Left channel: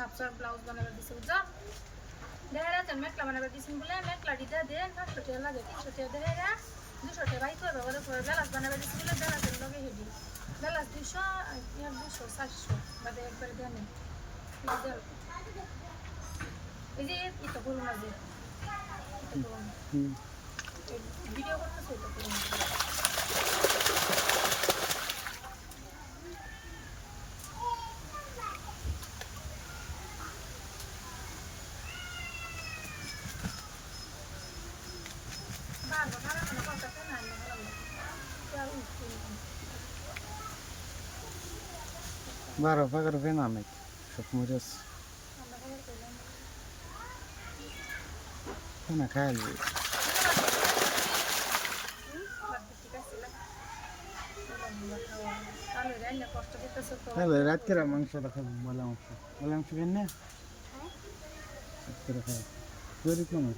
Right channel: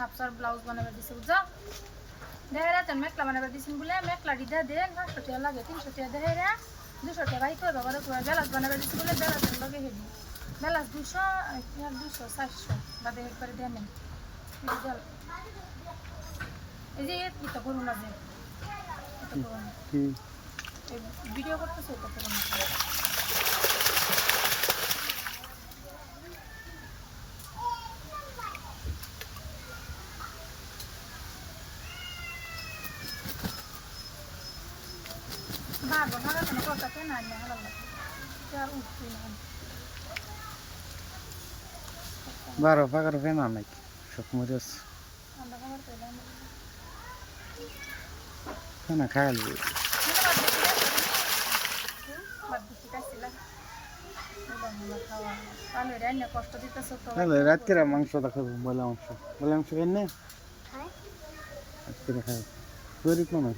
হাফসার blouse বানাবার দিছে বুঝছো দেখা যাচ্ছে মেকলা বানাবার দিছেন বলে মেকলা দিদা দেন 500 টাকা লাগে 300 টাকা দেখা যায় 200 টাকা রাইতো বাবার বেলাস বানাবার দিছে বলে বেলাসের লগে হেডি বেলাস 200 আর 200 400 বাদে একবারে দেন এই যে এটা করুন না যে ভিডিও করতেছে এটা করুন বারবার হারা কেন করতে না না হারা আর উঠতে না বারো ফাঁকার ফেনা নাকি সব মরিচ ফেনা খাইলি তাহলে রাত্রে মাংস দেখাবো বলে মাংস খেয়ে নে রাত্রে খাবো গরিব মানুষ